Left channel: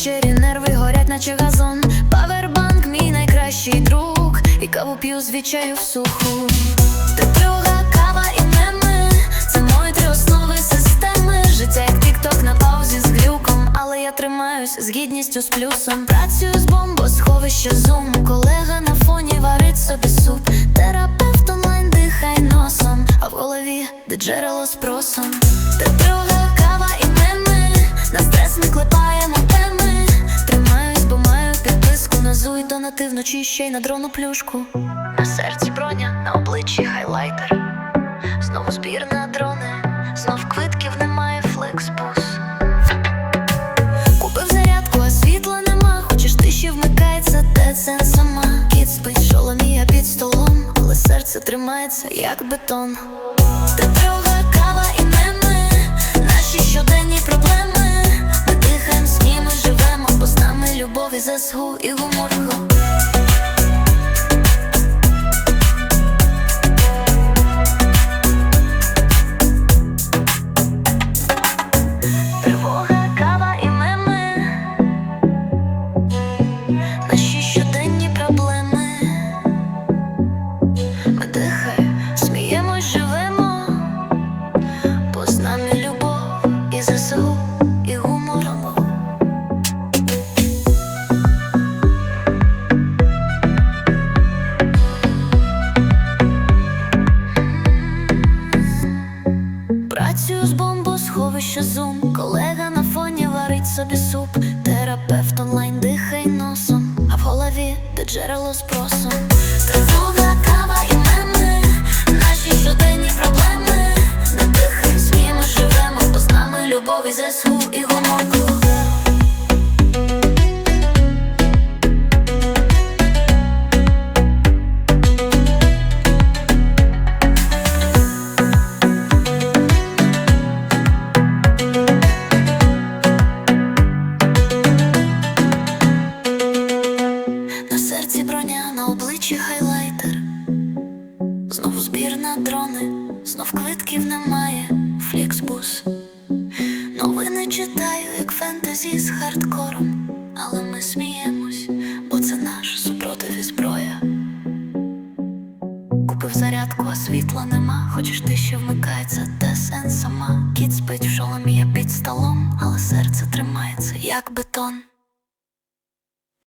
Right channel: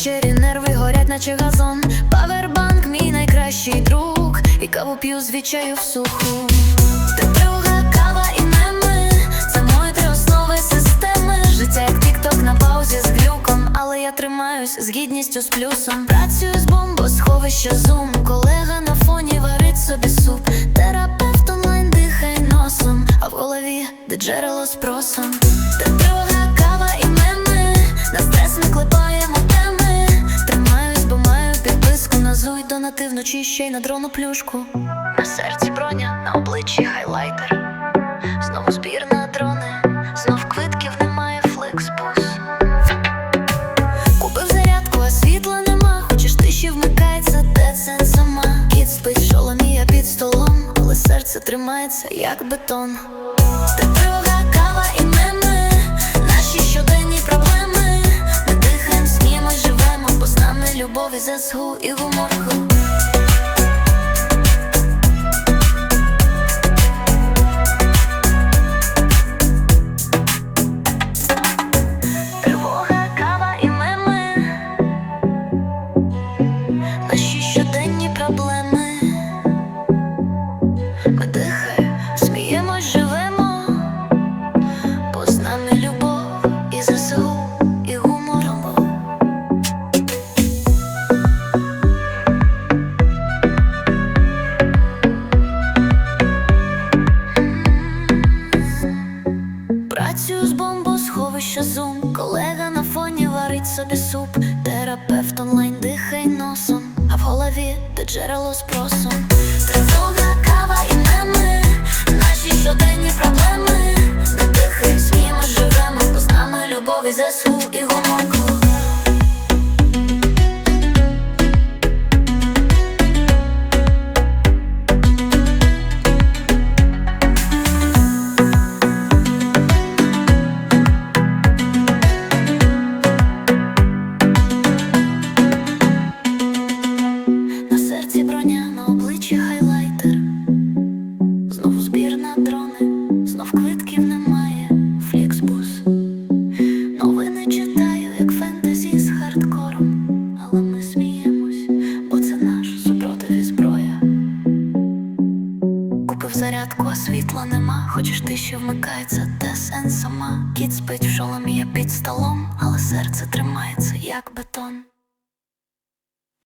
Ввечері нерви горять, наче газон. Павербанк, мій найкращий друг. І каву п'ю з відчаю в суху. Тетруга, кава і меми Це мої три основи системи. Життя як тік-ток на паузі з глюком. Але я тримаюсь з гідністю з плюсом. Працюю з бомбосховища зум. Колега на фоні варить собі суп. Терапевт онлайн дихай носом. А в голові де джерело з просом. Тетруга, кава і меми На стрес ми клепаємо теми. Тримаюсь, бо маю підписку на зуй донати вночі ще й на дрону плюшку. На серці броня, на обличчі хайлайтер. Знову збір на дрони, знов квитків немає флексбус. Купив зарядку, а світла нема. Хочеш тиші вмикається, де це сама. Кіт спить в шоломі, я під столом, але серце тримається, як бетон. Тетруга, кава і меми, наші щоденні проблеми. Нами любов і. Тривога, кава і меми. Наші щоденні проблеми. Живемо, бо з нами любов і ЗСУ, і гумором. Працюю з бомбосховища зум. Колега на фоні варить собі суп. Терапевт онлайн дихай носом. А в голові де джерело з просом. Тривога, кава і меми. Наші щоденні проблеми. Не дихай, сміємо, живемо, бо з нами любов і ЗСУ і гумор. Серці на обличчі хайлайтер. Знову збір на дрони, знов квитків немає, фліксбус. Новини читаю, як фентезі з хардкором. Але ми сміємось, бо це наш супротив і зброя. Купив зарядку, а світла нема. Хочеш ти ще вмикається, те сенс сама. Кіт спить в шоломі, я під столом, але серце тримається, як бетон.